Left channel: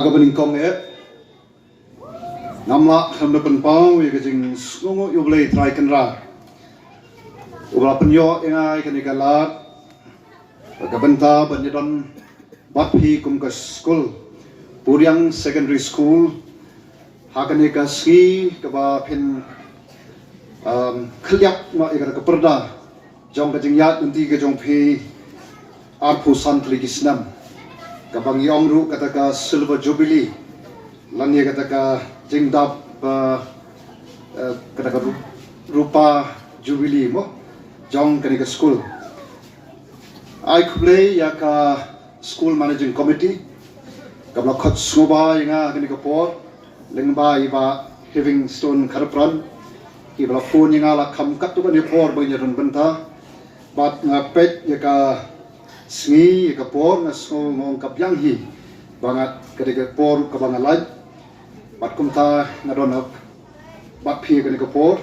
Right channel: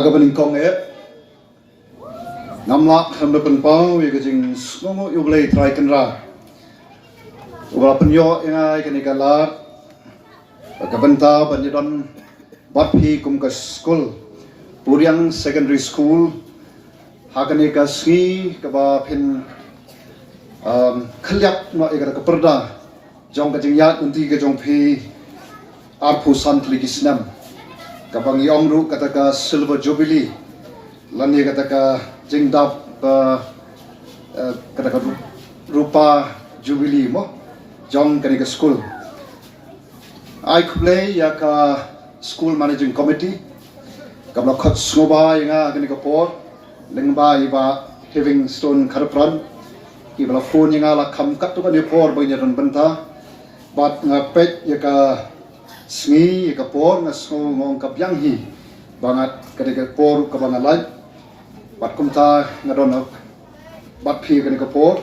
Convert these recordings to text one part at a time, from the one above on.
Hagabaning kong namlak hamdapan pang wigajing smomo yuglay try kanra uba penyo ingai kanikalat agabanta banidon batpi kum ka school Puryang secondary school hakanika ski kaba pin khalyak no igara ka perda jong kajing yat unti ka jong phi arpu santli gisnam kabang yongru kataka silver jubilee lani kataka jingdap kataka rupa jubilee mo jong kanika school I play yaka school managing committee kabla khot soba yanga kanika por lingba iba having stone karapran ibla phone yanga la kham kat tu ni por boy nyaron banta bat ngapet yaka sngi ka por na so ngong ka byang hi bangat kadika por ka bangalaj bat kumta ngadon bat phi kadika por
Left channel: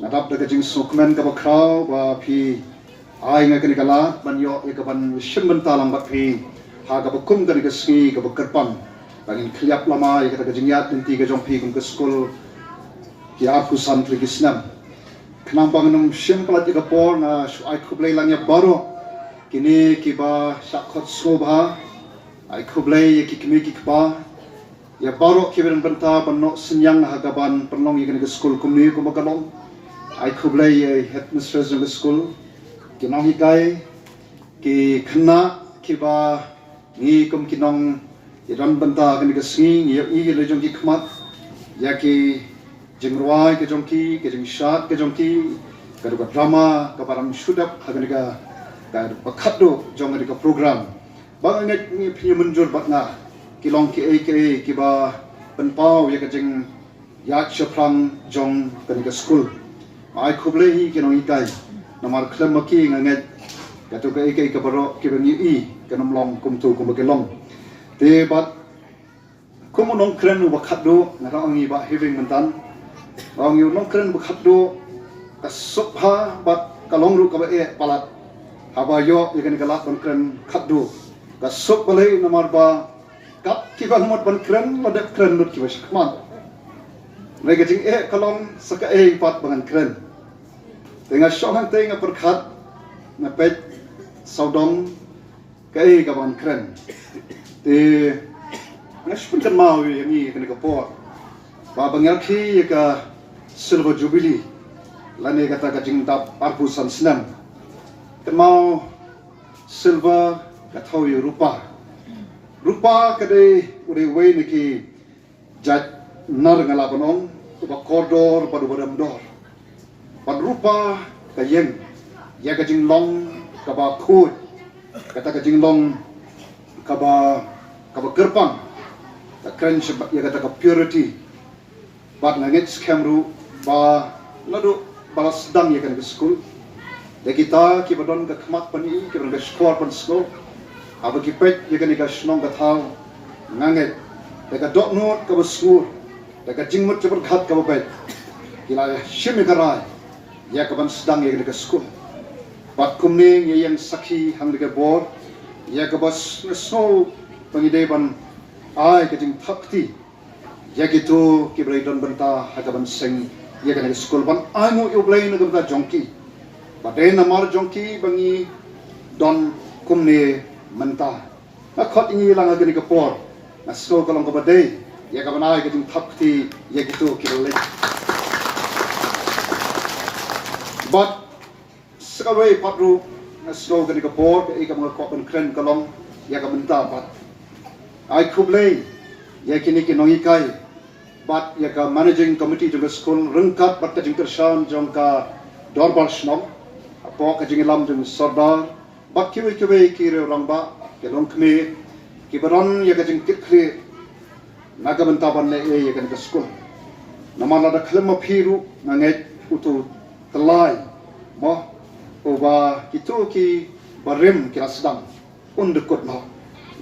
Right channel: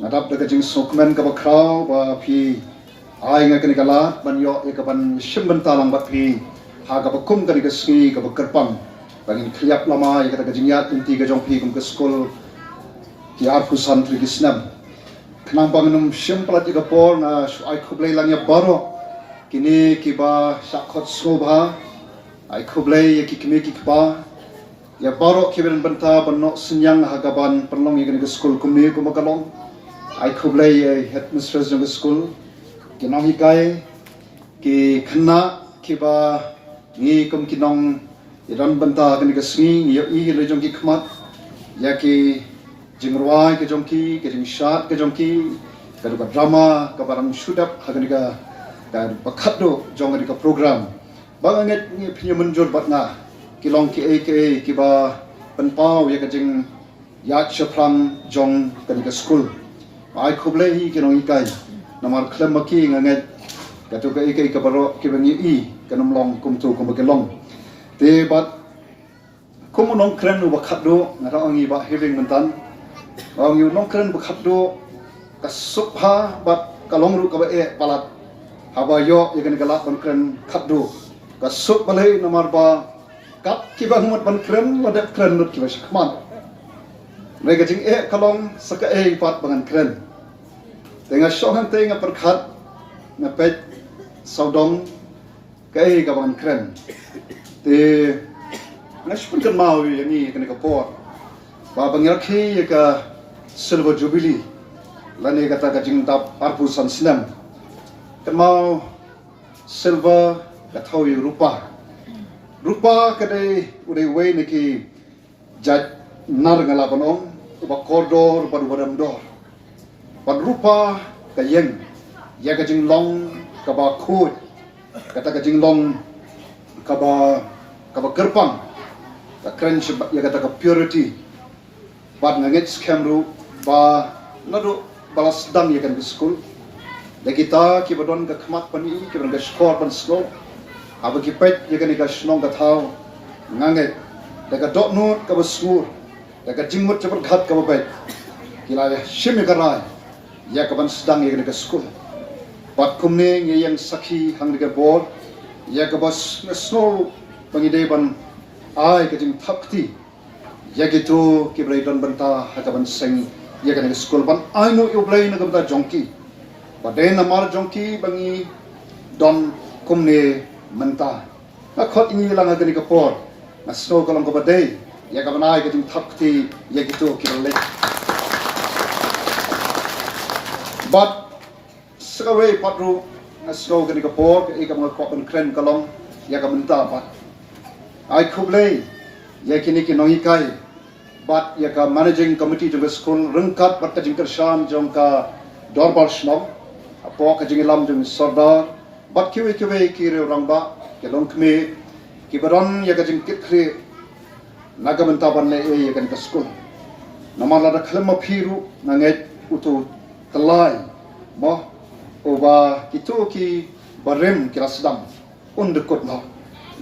ngadap daga jing sokmen ka bakraw ba phi ai nga kadika la ban yo ka ban shimbanta lam bat phi ha ka bakum kadika sngi ka bakarpam bangin khliap lama kadika jingyat inti ka jong phi kum ka school ki arfu santri gisnam khnam bangnum shimplat ka por na ai khublai langya baro kini kiba syakot sobha ai khublai ki kimi ki kba ya baro kiben banta banok senyang hagaban perlong yang ke school kumni kumakalong ai khublai headmistress of the school kinong hikai ki khna kiba ngi kum kinong iran banta kan ke sing ya i rejong ki khmat ya ki jingruai ke jongki ke jingshat ke jongki ke drama ke baram shudap haganiga dan bakado jong di program banget ni punya menjur batna kilong ki ba penpau ya kajing yat shapram jong kanika school ai khuble hi kinong ikai namar klem maki nganget katu ke baro ki bani i kanam long kumtu kumkelong te bat kumunong kren u bakado ngara ongi ba having mentan ong yu nong kren bakado kasupha bat kalong ru ka ba palat habayo ikan galak bankren khadu kasuk balai nomor ba kap kiba humot bankren wadak kren nut kiba shakman mereka jing kalong saka pat bangan kren dengan shohan te nga perkhat nga pet saudong kai ka bangan kren te nashpun kan mau yani kan ka por ba bangal khi ka silver jubilee lani kata ka jing tap arpu sansnam mau silver katau yu rupa kadai udah way niki jat nar ngala panong uba koridor baru baram dor pad rupa kayeng ya kajing long kaba khut kata kajing long kaba gerpang ka crunch ya kata ka purity pad nangit scamru ba nado balas dam ya kan school kita kibadon ka khmat pani kibadon ka skor pan snow aba kipet yagan ka snong ka thau ngange daga dot note ka busngur daga jingmut chabar khat ka bapet kila shimi garai ya ka ban sedang yagan ka skul pat kumne yang sakhi hang ka bor ya ka bas snow pangide ban ai ka jing thapti ya gitu kibrai don banta hakaban sing yagan ka skul ban ai mo yublai na ka jongki Padahal nama jongki bangi don kumne mentah. Nak khot ini lang ada ni kapor. Nasto kalau kau badai, ya kau naik ke thapti, ya gitu kira. But sekawai patru nasto ke ni kapor, ya kau nak papan keren kalau ya kau mentah pat. Ai kublai, ya kini kinoi kai. But ya kau managing committee juga school rengkap bat kajing kersan jongka dorbal snok. Pok kajing lam jeng sardar bat kiwe kire orang ba kelong kme kibaron ya kajing kikri naga mentaban le ya kan kasko namala da khlema phiru nanget utu telai ba oba kitu ki barem kirasdam undukut na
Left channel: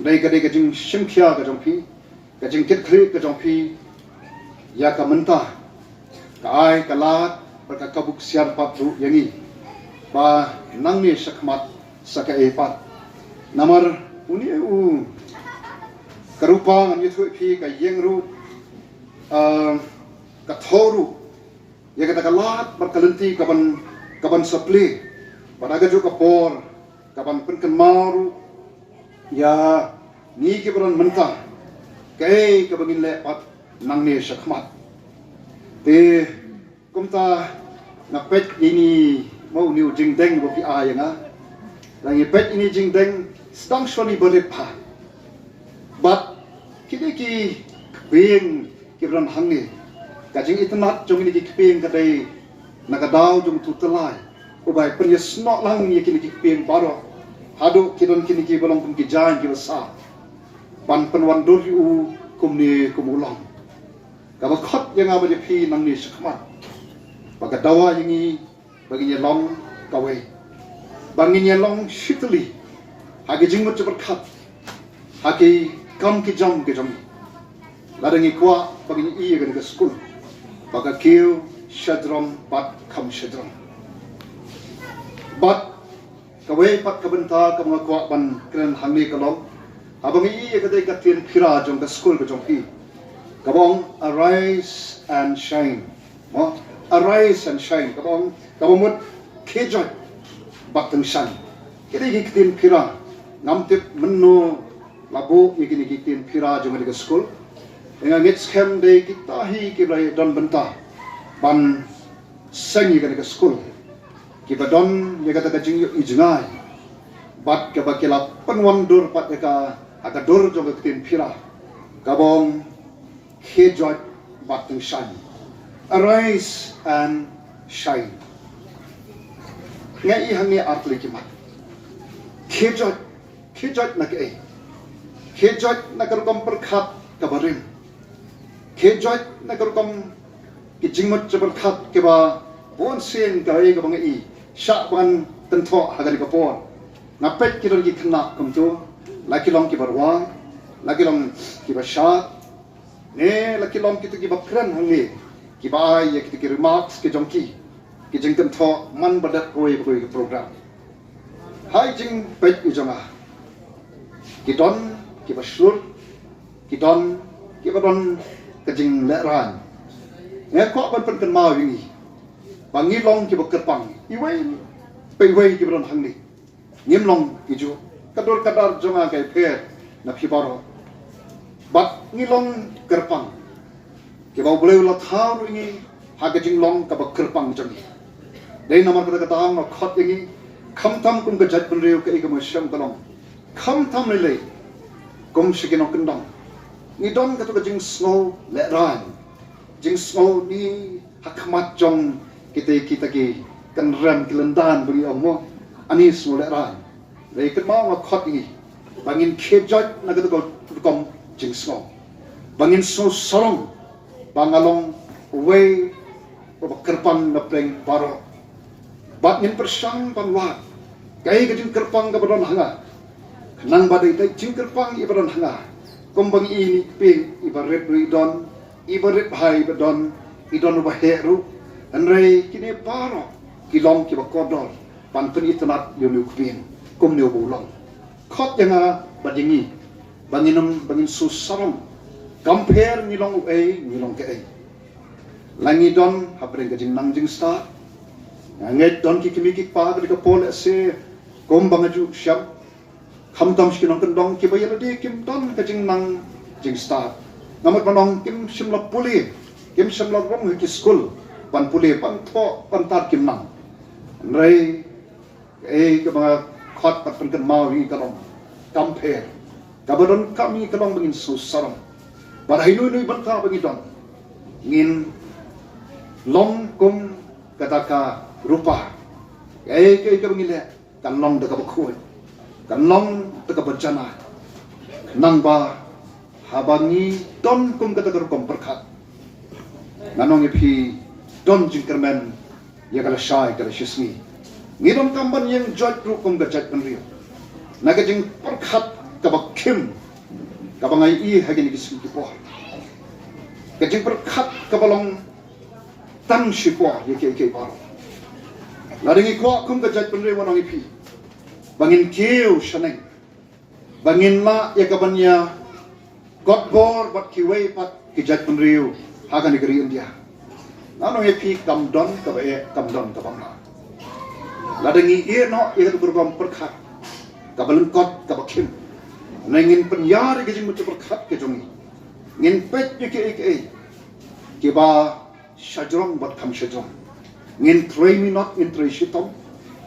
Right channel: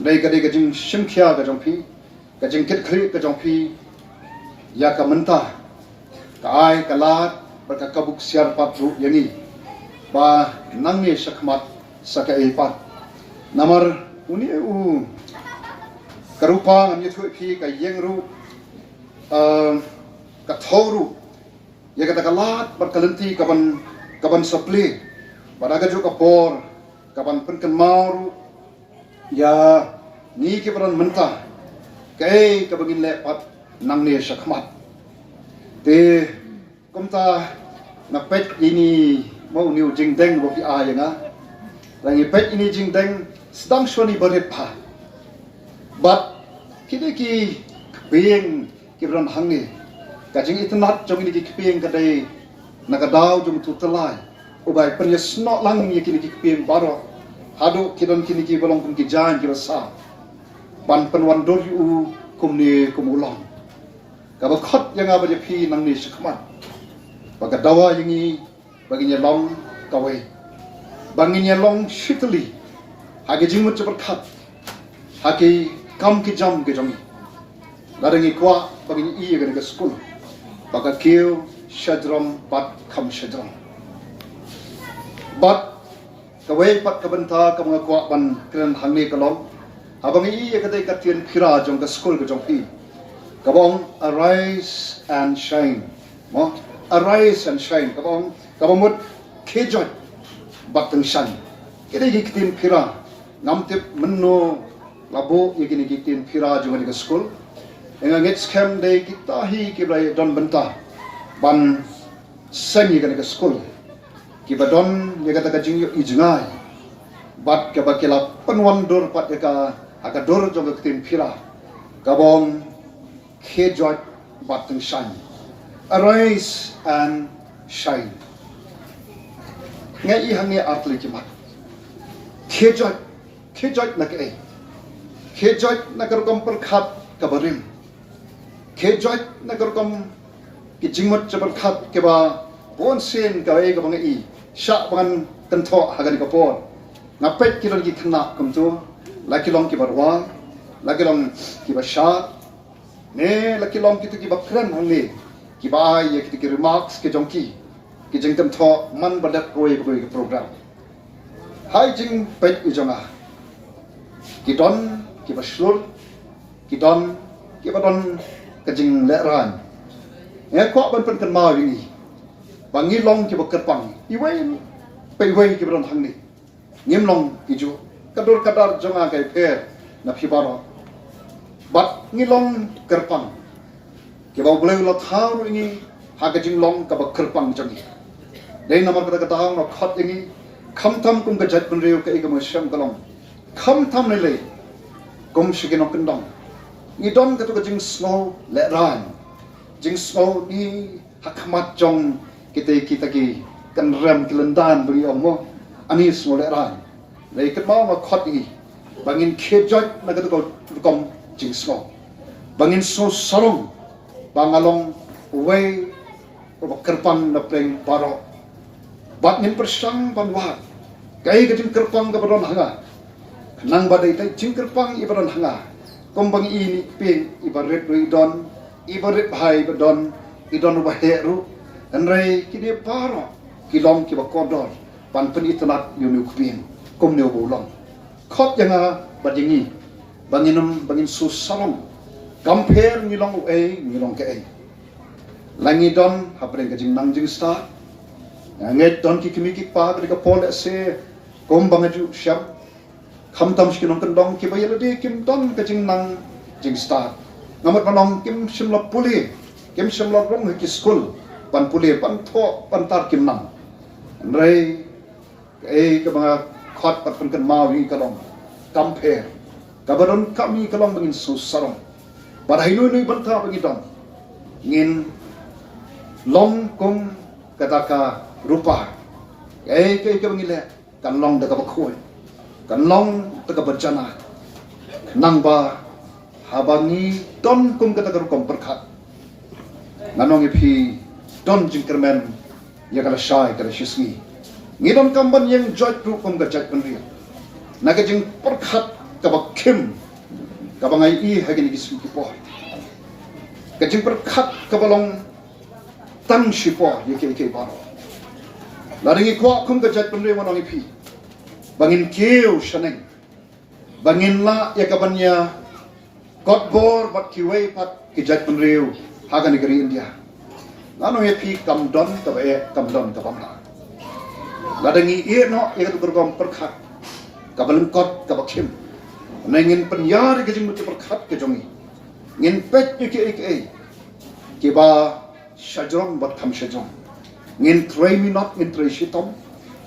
dai kajing shimkhia kajong phi kajing kikri kajong phi ya ka menta ka ai kala berka kabuk siar papu yani ba nangni sakmat saka epat namar uni karupa ngam yethu phi ka yengru ka thoru ya kata kalat berkelenti kaban sapli pada ju kapor kaban penkenmaru ya ni ke beran mentah kai ka bagin lepat nang ne syakmat te kumta na pet ini mau niu jingdeng bo pi ayanga lagi pet ini jingdeng sedang shoni borepa but kini ki keping ki beran hangi kajing itanat jong ini ki keping kadai nakadaw jong tutelai ubai penyes nok lang ye kini ki keping baro hadu kidon kini ki bolong pun ki jan ki basa ban penwan dor yu kumni kumulang kaba khot yang aba je phi nang ni sakmat baga dawa yingi baginya long kawai banginya long shitli hagi jingmut cepat khat hagi kam ki jam ke jam laringi kwa baginya iya ke school baga kiu shadram pat kam shadram bat kawai pat kabenta kam kwa ban kren hangni kalong abang iya ke katian phira jong ke school ke jong pi kabong arise and shine mo arise and shine kabong mut kejot batang shine kini gikitin phira namtip menno labo yikini gikitin phira jong ke school enga ngets kem de kita hi ki bai don benta ban sangi ke school ki badon ye kata ka jing ijngai bat ka bakila penwondur pat ka akador jong ke tin phira kabong kejot batang shine arise and shine ngai hangi artli ki mat kejot na ke kejot na kam perkhat kabarim kejot na kam ki jingmat jabar khat ke ba bon sen ka ai ka bangi sha ban tentho hagani ka por ngapet ki don ki khna kam tu laki long ki barwang laki long ki ba sha ne laki long ki tu ki ba kran hangi ki ba ye ki remarks ke jongki ki jing tentho man badat roi program hai jing pet i jonga ki don ki ba slur ki don ki ba don ka jing le ran e ko ban pen kan ma wingi bangi long ki ba kerpang i wai pe wai ki ba don hangni ngim long ki ju kador kadar jonga kai per na phi baro bat ngilong kerpang ke ba boleh la thau ini ha ka jing long ka ba kerpang jongi dei na man ka ta na khat ini kham tham kum ka jat kun reu ka ik mo sham kalong kham tham le kum shigin ok ndong ni don ka to jing slow le ran jing slow ni hakmat jong kita ki kan ram kilandan beri omo ani slow le ran le ka ma wa khat ini bangin khejot na ka to kom jing slow bangin so salong bangalong way o kerpang na pleng paro bat ngin persang panwa kai ka jing kerpang ka baron hanga nang badai tai jing kerpang i baron hanga kombang ini ping ibaret don ibaret hai badon idon ba heru anrei kini paro kilong ki ba kodor pantun itanat yunu kubin kom ne bolong khot yang badingi bangin susam compare ngilong ngilong ke langi don hapren ke jing nang jing sta nget don ki kimi ki pa ke ka pol se kom bangaju syab kham tam skinong kendong ki bayar di kim don ke jing nang jing sta namat kanong kim simla puli kim simla rom ki school pan puli pan tho pan tar kim nang rei ke ba khat pat pen kan ma wi kalong compare kabaron kami kalong bangin susarong Padahal ini berta begitu, ngin long kum kataka rupa, kai bangile kan long dekat bakul, kan long dekat berjana, nang ba habangi don kum kataka rupa berkat, nanong ipi don jingkerman ya kala syai kala shismi, ngidon kamban yang jat kum gajat penria, naga jing berkat kabak kim. Kabangai i hagini kismi ko kajing berkat kabalong tam sipo yeke baro laringi ko kum kajat penre warong ipi bangin kiu shaneng bangin la ya kabanya God bor bat kiway pat kijat penriu haga negeri India. Nano happy kam don ka bamla. Ladangi no ia tu bergam perkhat ka balengkot ka bakim. Nangin penyar ke jeng perkhat ke jongi. Ngin pet ke kiba syajrong bat kam syajrong. Ngin tray minot ngin tray shitom.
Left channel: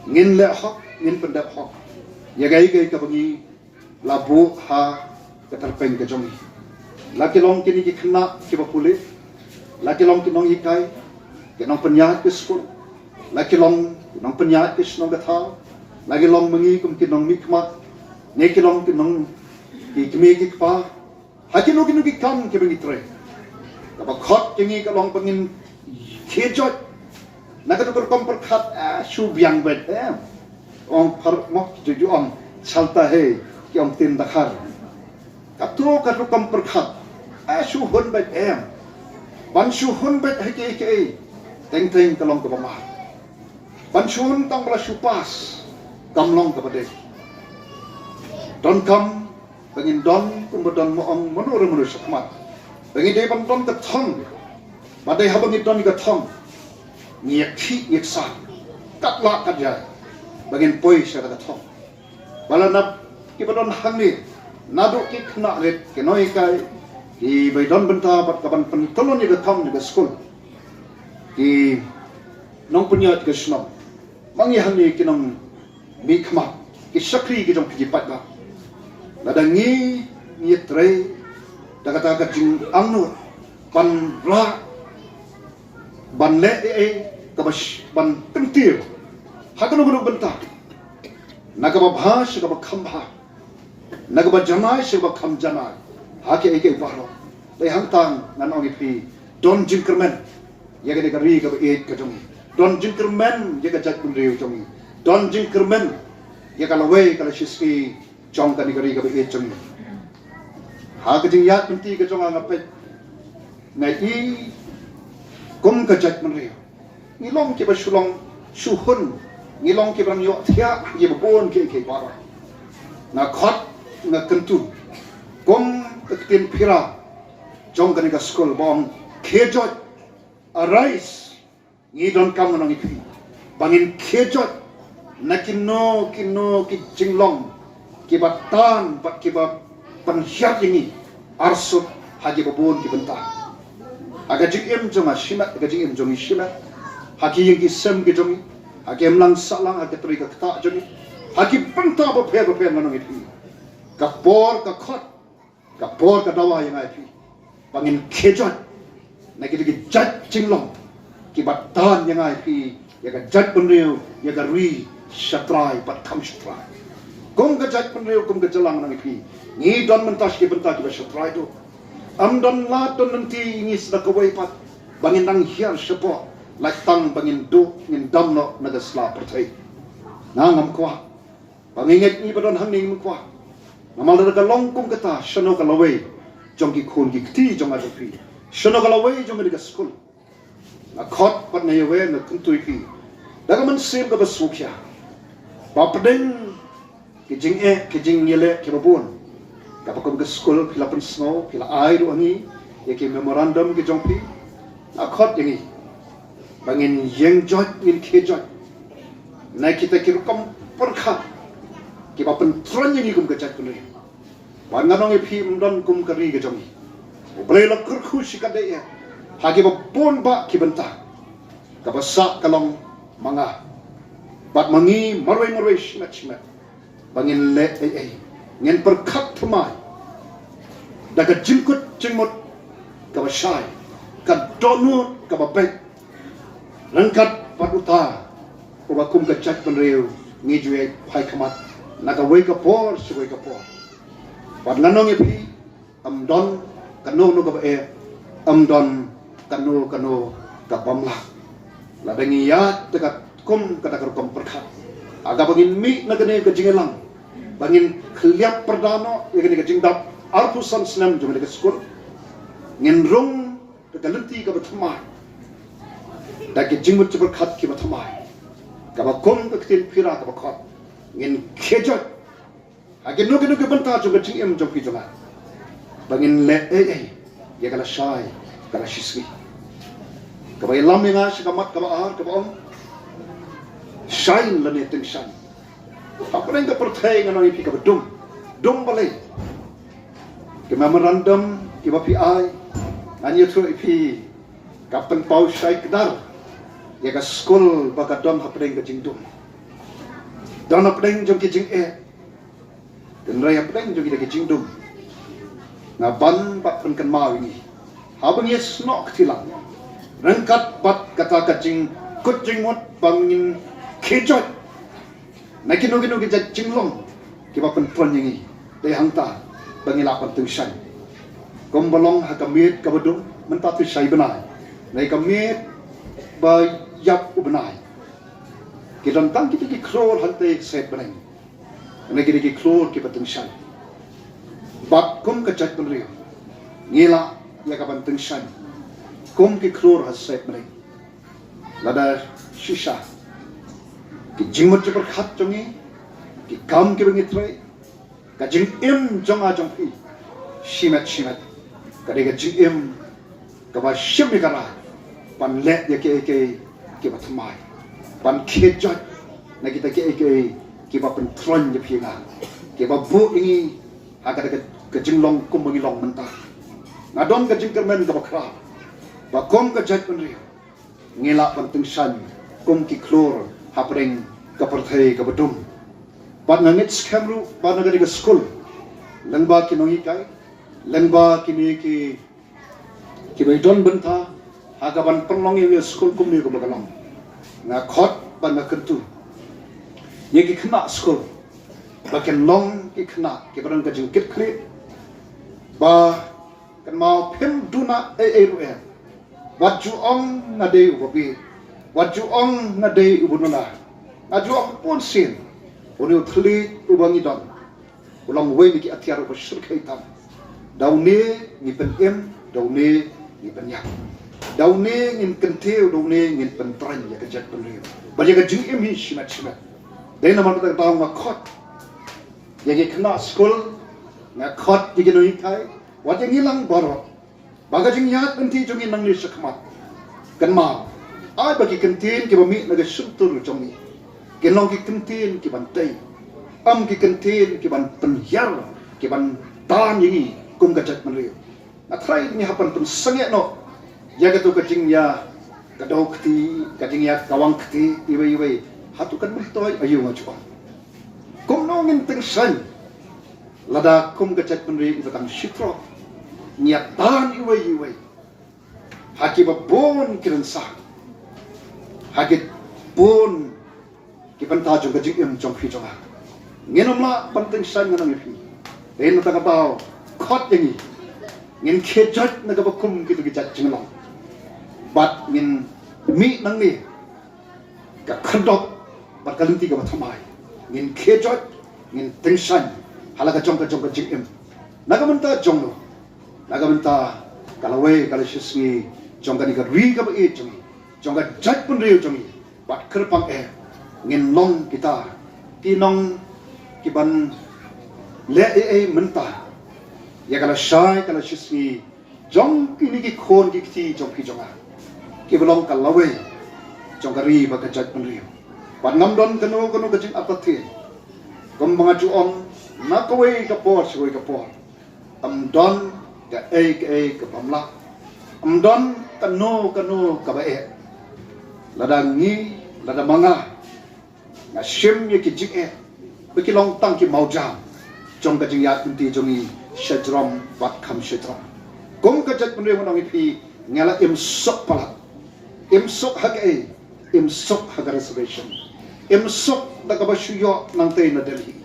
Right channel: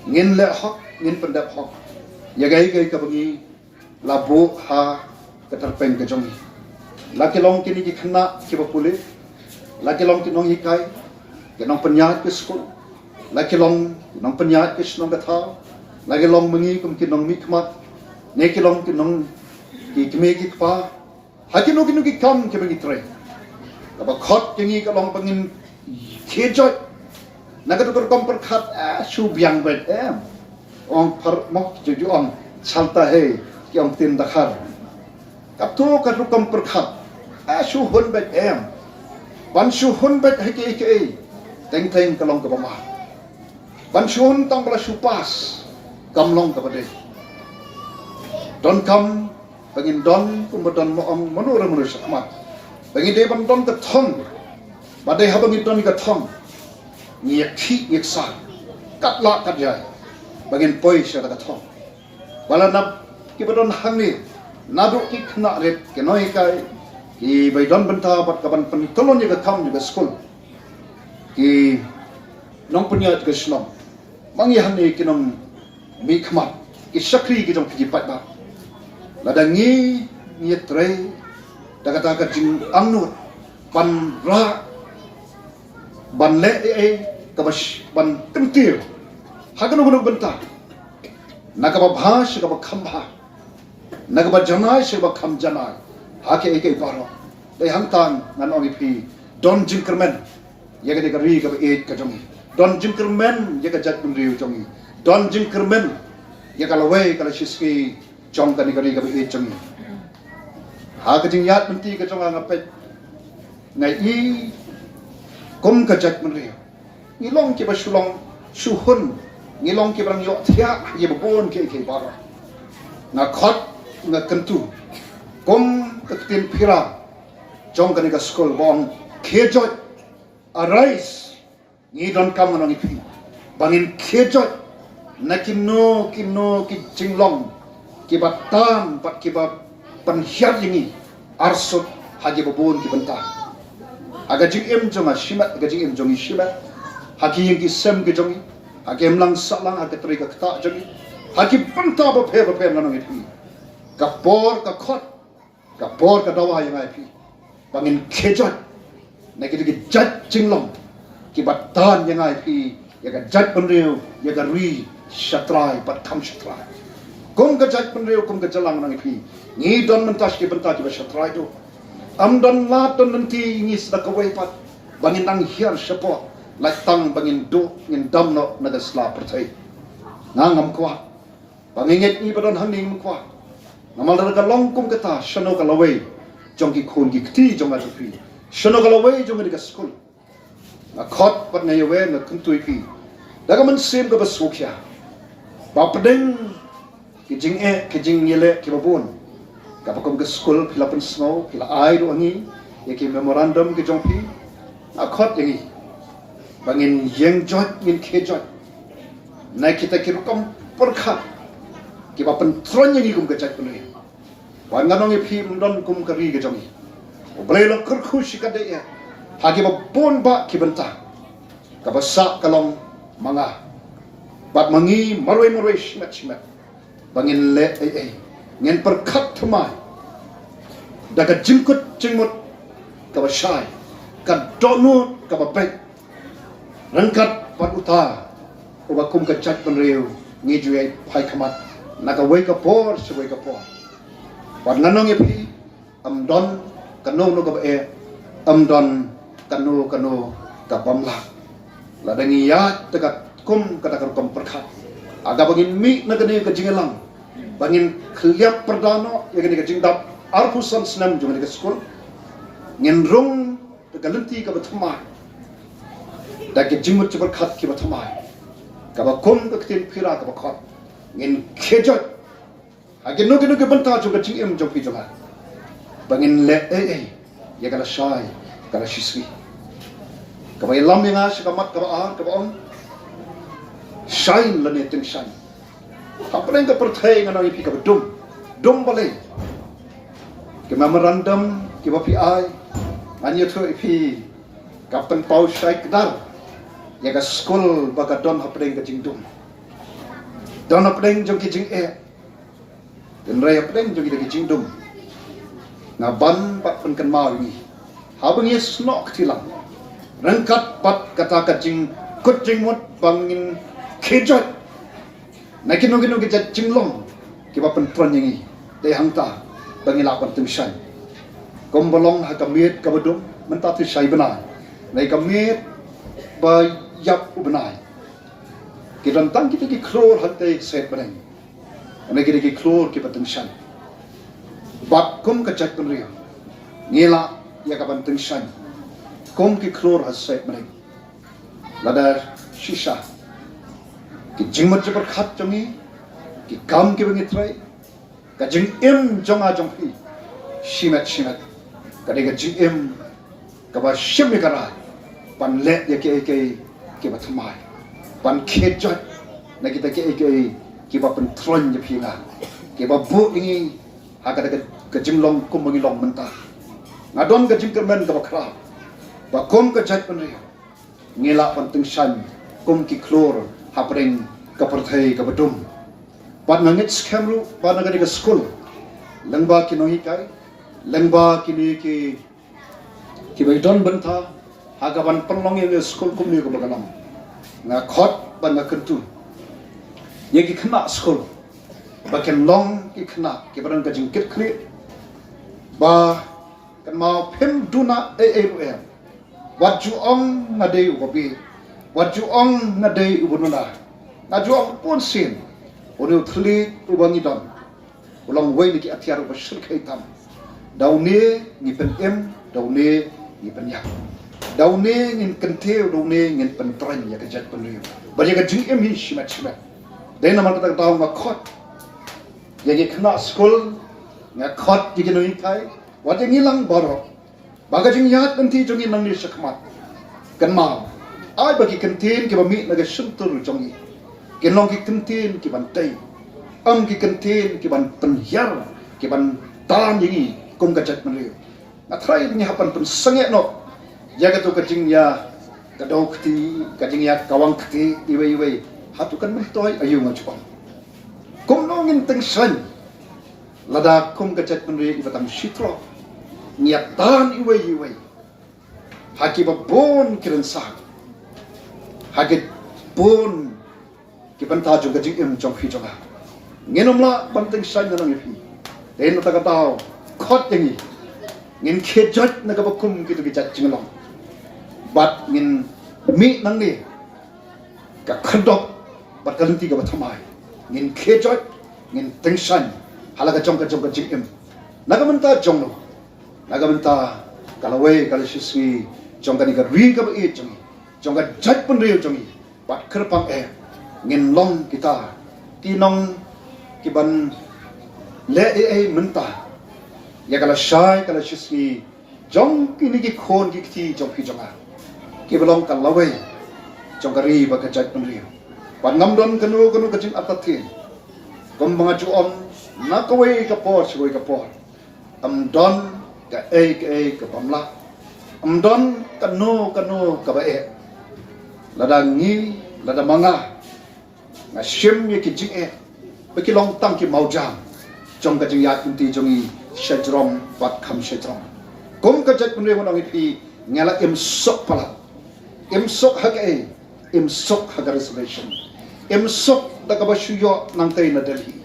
Ngin le hok ngin pendap hok. Ya gai ka bangi labu ha katerpeng ke jongi. Laki long kini ki kena ki bakule. Laki long kinong hikai. Kinong penyat ke skul. Laki long kinong penyat ke senong kata. Laki long mengi kum kinong mikmat. Neki long kinong ki kime ki kpa. Haki no kinong ki kam ki bangi tre. Kapa khot kingi ka long pengin kejot. Nakatukar kom perkhat su biang bet ong par mok juju ong salta he ki ong tin dakhar. Kapto katukam perkhat su hun bet ban su hun bet haki teng kalong ka bama. Ban su hun tam bala su pas kamlong ka bade. Don kam pengin don kumudon mo ong menur sakmat. Pengin de ban don ka thong. Badai habangi don ka thong. Ngiak ki ngiak sa katla katja bagian poi sa ka thong. Bala nap ki badon hamil nadu ki khna ret ke noi kai ki bai don benta pat kaban pen tolon ni ka kam ni ka skul ki nong punya ka snom mangi hanni ki nong mi khma ki sakri ki jong ki pat ba ladangi ni tre daga ka jing angnu pan ra ban le kabas ban kentir hagano bunu benta nagaba bhash gaba khamba nagaba janai seba kham janai hake eke baro dai hangtang nanong ipi don jinkermen yaga de gari gaba et ka jongi don jinkermen yaga jat bun riu jongi don jinkermen yaga lawai kala shiski jong ka ni gari gaba et jongi ha ka jing yat benti ka jonga ngape ngai i kum ka jat bun riu ngilong ki basulong suhun ngilong ki bang yok thia ye bon ke baro na khot na kentu kum ketin pira jong kan ka skol bong khejot arise ni don kam nang ipi bangin khejot na kino ki jinglong ki batan bat ki ba panhyat ini arsut hagi bon ki benta aga jing jong ashima aga jing jong ishila hagi yang ki sem ki jong hagi lang salang aga tri ka kta jong hagi benta ba phe nang ipi kapor ka khot kapor ka dawa yang ipi bangin khejot na ki jat jinglong ki batan yang ipi ya ka jat penriu ya ka ri shatrai pat kham shatrai kum ka jat penriu kum ka jalang nang ipi ni don mentas ki benta ki shatrai do am don la don nanti ni sa ka wai pat bangin nang hiar shapo latang bangin do ngin dam no na da sla pertai ngam kwa bangin ni badon haning kwa ngamal da ka long kum kata shano ka lawai jong ki khun ki kti jong a pi shano ka lawai jong ka skul na khot pat na yewe na kuntui pi daga man sim ka basukya ba pedeng ki jing yele ki babun ka pakom ka skul pila pun snow pila ai ro ni ye ki memorandum ki jong pi na khot yengi bangin yeng jot in ke jot na kita ki rukom perkhat ki ba pen tron yengi kum ka chat kun ni wan nganong pi don kum ka ri ka jong boleh lo kurku sikade ya hagi ba pon ba ki benta ka basa kalong manga bat mangi maroi shimat bangin le ngin perkhat thumai daga jingmut ka basai ka donu ka bape rangkat paduta uba kum ka chat kan riu ngi juai phai khamat naga wei ka por suwei ka por bat nanong epi am don kanu no ka am don kanu ka pamla la dangi ya tekat kum kata kom perkhat aga bangin mi nagane ka jingelang bangin khliap perdano ya ka jingdap arpusan senam jumane ka skul ngin rung ka lenti ka bathma da ki jingmut perkhat ki bathma ka ba kum ka tin phira ka bakhat ngin khejot agi no ke banta jo ka jingem jo ki joga bangin le ya kala shai kala shiswi kaba lam nga shikamat kaba ar kaba on shine lane ting shine kapren ka perthai ngano ipi kaba dum balai ki memorandum ki wapi ai anyo thro ipi kapten pau shai kedar ya ka school baga dom hapren ka jingdum don hapren jong ki jing dan raya hapren jong ki jingdum ngaban pak pen kan mau ini habang yes nok tilang rengkat bat kata kacing kucing mut bangin kejat nakin nugi jat jinglong ki bapen tron ini dei hangta bangin lapan tungshan kombolong hakamit kabadum mentati sai benai nai kamit ba yap ubenai ki dan tang kita ki kror hantai set benai nai ki kror ki patungshan bat kum kachat punri ngela ya kapan tungshan kum ki kror hasait benai lada shisha ki jingmut jepar khat jongi ki kam ki bengi trai ka jing im jonga jong phi shimat ka de jing im ka ba shimi kara pan le ya ki ba thamai pan khejot na kita ki ba pen tron je phi nga ki ba bu ingi aga ka jinglong kum bengi long mentah ngadom ka jing kermen ka ba kra ba kum ka jat punri ngela pan tungshan kum ki klor hapring ka perthai ka badum pat nangit skamru pat nangit ka school langba ki nohi kai langba ki ni ki baidon benta hagaban penlong ye school kum ni ka bagalam na khot ban na kentu ye ki khna school ba ken long ki khna ki barang ka jingkit khli ba kan mau phem duna ru wat ju ong na dei ubi wat ju ong na dei ubununa na ju ong pon sin uru thli ubangi dam ulang wei ni ki athiar ba shir khaitam daune ni pen em daune ni pen yak daune ngin kenteu daune ngin pen tran ya ka jat pen riu ba ya ka jing em hi shima dei na ma ta daw nga khot ya ki khna school nga khot ji ki noi kai wat ngi lang baro baga jing yat nanti jongi nang ni sakma kan ma ai bagi kentin ki bami na ga suntur jongi kinong ki kentin ki ban tai am ki kentin ki ban penhyar ki ban tan yi kum ka jat mri na trai ni hapan pun sange no ya ga tu ka jing ya ka do kti ka jing ya kawang kti iwe hatu kan mutoi ayu ma chupang kum no ngin teng san lada kum ka jat mri batang shitro niat dan iwe haki ba bon kiran sa haki bon ki banta jo ga jing jong phi jonga ngenom la banteng san ngenong phi den ta ka tao khot ngi ngin khejat na ga kum ki tu ki jat jing long bat ngin mi nang ni ka khandok ba kalanti ga thamai ngin khejat ngin teng san hala ga jong ga jing na ga manta jong nagamanta kalawai kalishismi jongkani ka ri ka e jongi jongka jat pun riu jongi bat kerpang ngin long kita kinong kiban le menta ya kala shai kalishismi jong kini ki khon ki thi jong phi jonga ki belong kalawai jongka ri ba ka jat pun riu bat ngamdam kanu ka jing atathi gombanga ju on nakawai ka por shoi ka por amdon ka ka pamla amdon kanu ka ba lada ngi lada manga na shim ye ki jik beki long tang ki maujang jong ka jing ya kunti jongi shajrom wat kham shajrom kom ka jat punre mo ngi pi ngala im sok pala im sok im sok ha reservation im sok da ka ba shuyo nang tai na delhi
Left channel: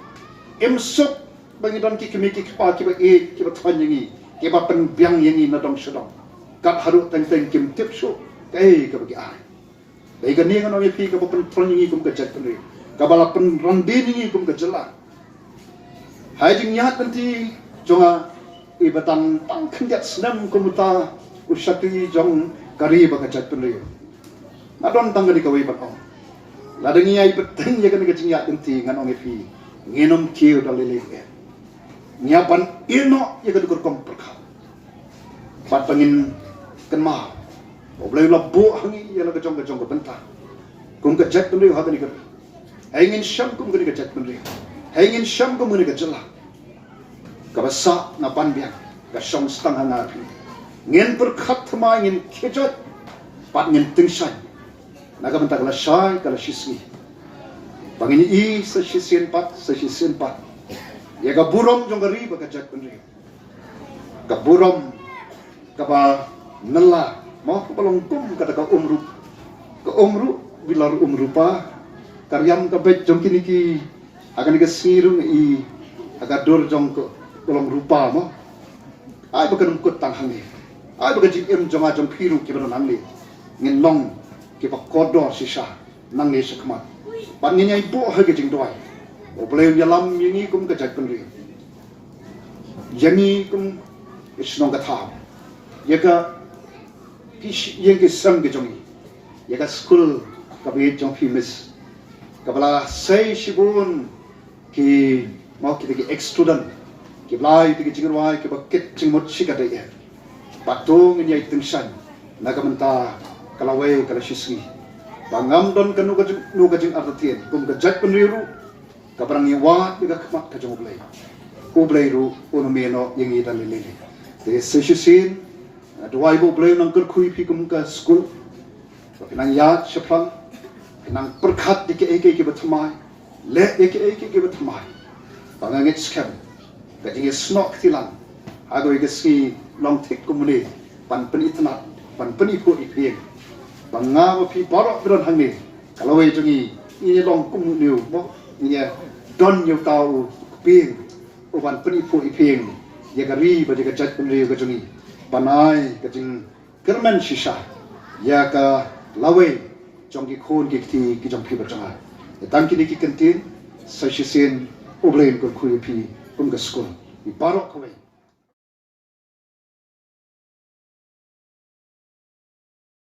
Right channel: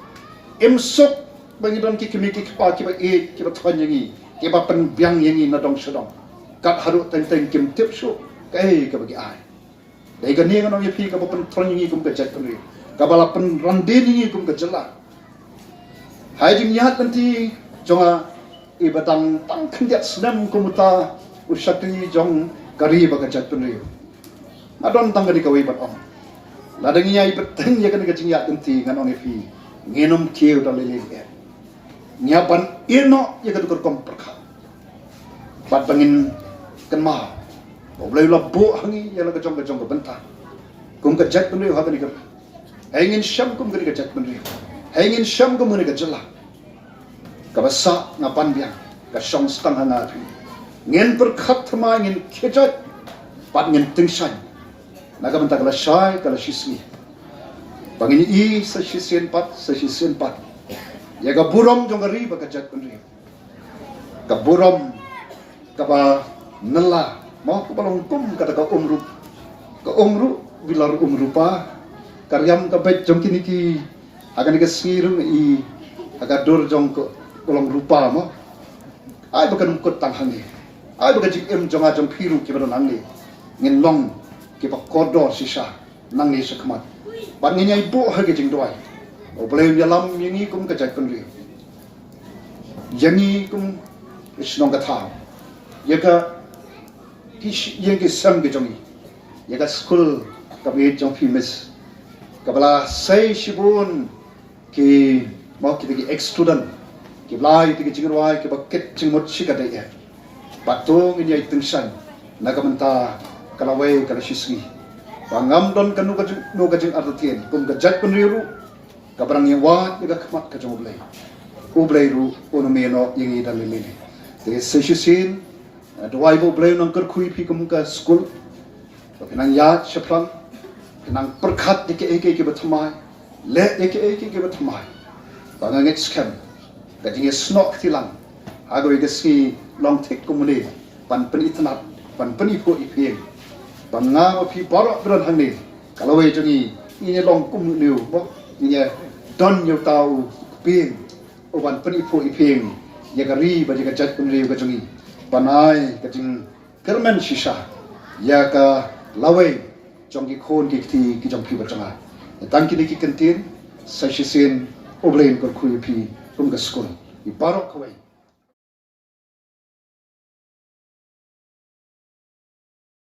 im sok bangi don ki committee ki pa ki ba ki ba thon yangi ki ba pen biang yangi na dong shodong ka haru teng kim tip sho kai ka bagi ai dai ga ne ga no ye pi ka ba pen thon yangi kum ka jat pen ka ba la pen randi ni kum ka jala hai jing ya nanti jonga e batang tang khnjat snam kum ta usakri jong kari ba ka jat pen na don tang ga ka wei ba om la deng ya i beteng ya ka ne ga jing ya nanti nganong ye pi ngenom kiu dang le le nyapan ino ya kan kurkom perkha pat pangin kenma boleh la bo hangi ya la kacong ke bentar kum ke jat kunri ha kan ikar ingin syam kum ke jat kunri ingin syam kum ke jela ka basa ngapan biang ka syam stang hanga ngin perkhat thama ngin khejat pat ngin tingsan naga bentar la syai kala shismi pangin I sa shisien pat ya ka burom jong ri ba ka jat kunri ka burom ka ba nala mau ka balong pum kata ka umru bilar umrupa karyam ka bet jong kini ki akan ka sirum I aga dor jong ko balong rupa mo ai ba kan kut tang hangi ai ba ka jik em jama jong phiru ki balong hangi ngin long ki ba kodo sisa nang ni sakmat pan ngin ai bo ha ke jing doi o boleh yalam yangi kum ka jat kunri yangi kum isnong ka tha ya ka yang ke sam ke jongi ya ka school ka be jong famous ka bala sai shibun ki mo ki ex student ki lai ki jingwai ki ba ket jingmot shika de ya patong ini ai tungsan naga menta kala wai kala shisgi bangam don kanu ka no ka jing artien kum ka jat kunriru ka barang yang wa ka khamat ka jong blai ru ono meno yang ida lele de shishin dawai bo blai nang ker khui phi kum ka school kenang ya shaplang kenang perkhat dike eke ke bathmai le eke ke bathmai bangang scam ka jinge snok tilang ago ige si long thik kumuni pan penitna pan penipu iping banga phi borok bron hangni kalawai jongi ini long kum liu mo ini don yu tau ping uban penipu iping ya gari ba jaga jat kum liu ka jongi panai ka jing kerman shisha ya ka lawai jong ki khon ki jong phi ba changa tan ki ki kentin sa shisen oblen ko khui phi kum ga school I barok kawai